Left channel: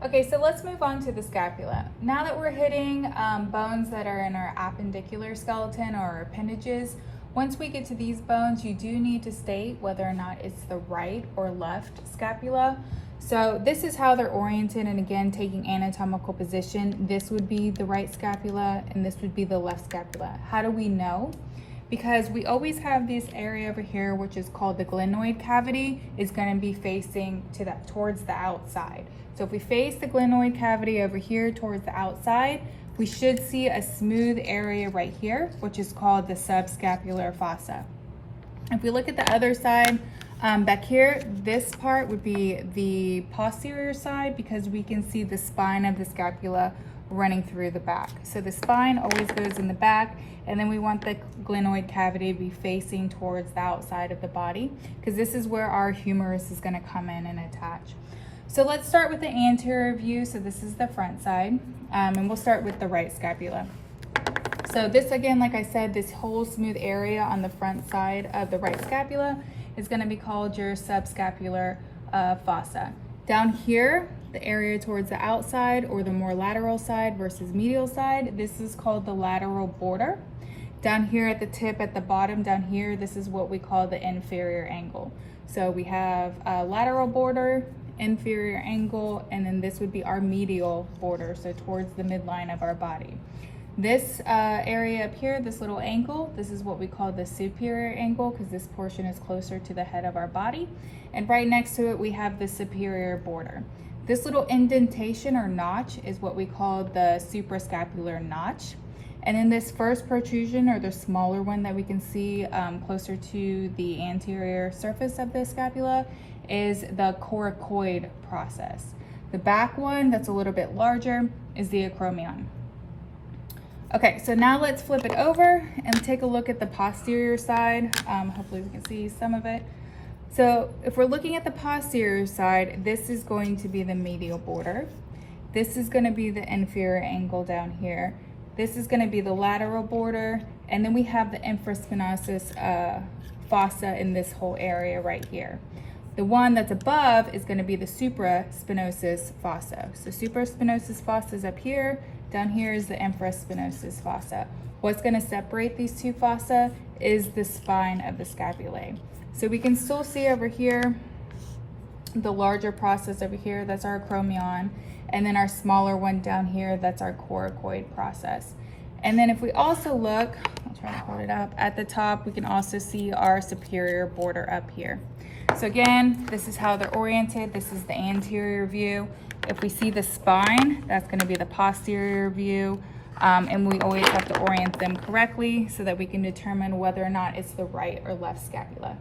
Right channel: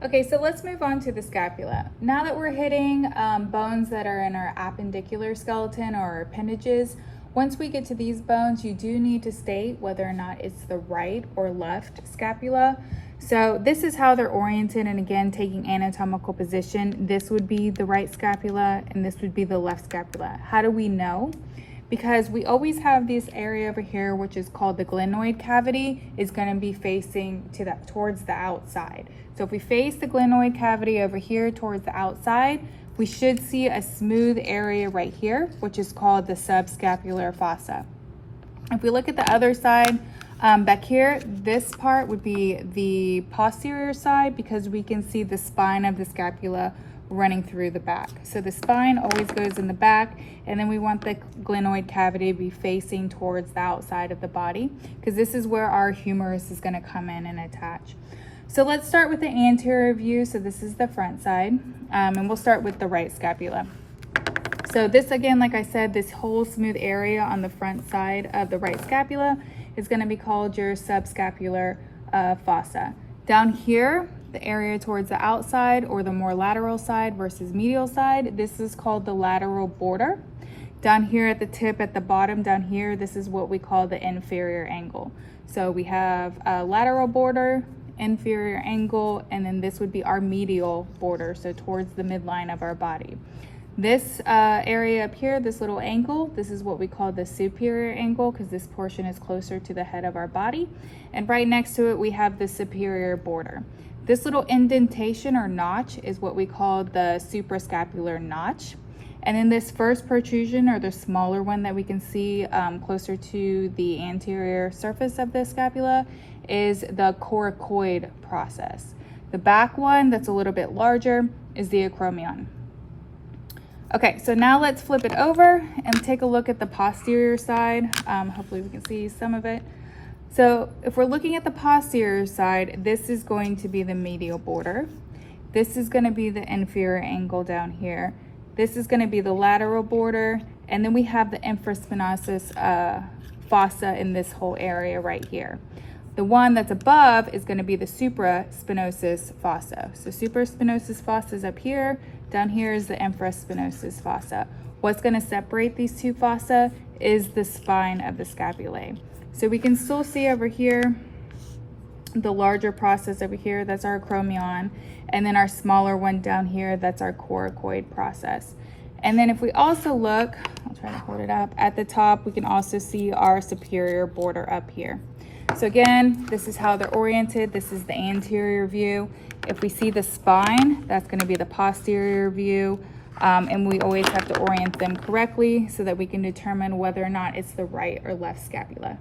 Okay, so let's move on to the scapula. Now that we're hitting bones that are in our appendicular skeleton or our appendages, once we get to these bones, you do need to state whether or not it's the right or left scapula. So this is how they're oriented, and again, taking anatomical position, this would be the right scapula and this would be the left scapula. How do we know? Because we always have this area over here, which is called the glenoid cavity, is going to be facing to that towards the outside. So if we face the glenoid cavity over here towards the outside, we should see a smooth area right here, which is called the subscapular fossa. If we look at the other side, back here, this part would be the posterior side because we can see the spine of the scapula running through the back. So the spine always goes in the back, and then we want the glenoid cavity to be facing towards the outside of the body because this is where our humerus is going to come in and attach. So let's start with the anterior view. So this is the front side, and we'll start with the right scapula. So this, again, like I said, this whole smooth area on the front side of the right scapula is going to be called your subscapular fossa. Down here, the area towards the outside or the more lateral side versus medial side, this is called the lateral border. Down here at the tip, at the bottom down here, this is what we call the inferior angle. So we have a lateral border, inferior angle, and then this would be our medial border, so towards the midline of our body. This area up here, this little angle, this is what we call the superior angle because this portion is closer to the head of our body. And right next to it, we have the superior border. This little indentation or notch is what we call the suprascapular notch. And then this first protrusion, or the smaller one that we can see closer to the anterior surface of the scapula, is the coracoid process. The back one that's a little bit larger is the acromion. Okay, so now let's flip it over and take a look at the posterior side. Hopefully we can see some of it. So if we're looking at the posterior side, this is going to be the medial border. This is going to be the inferior angle down here. This is going to be the lateral border, and then we have the infraspinosus fossa in this whole area right here. The one that's above is going to be the supraspinosus fossa. So supraspinosus fossa is up here. Down here is the infraspinosus fossa. What's going to separate these two fossa is the spine of the scapulae. So we can still see over here the larger process over here, that's our acromion, and then our smaller one down here, that's our coracoid process. And then if we also look, I'll try to hold it up, at the top, we can also see our superior border up here. So again, this is how they're oriented. This is the anterior view. If we see the spine, that's going to be the posterior view. And we always have to orient them correctly so that we can determine whether or not it's the right or left scapula.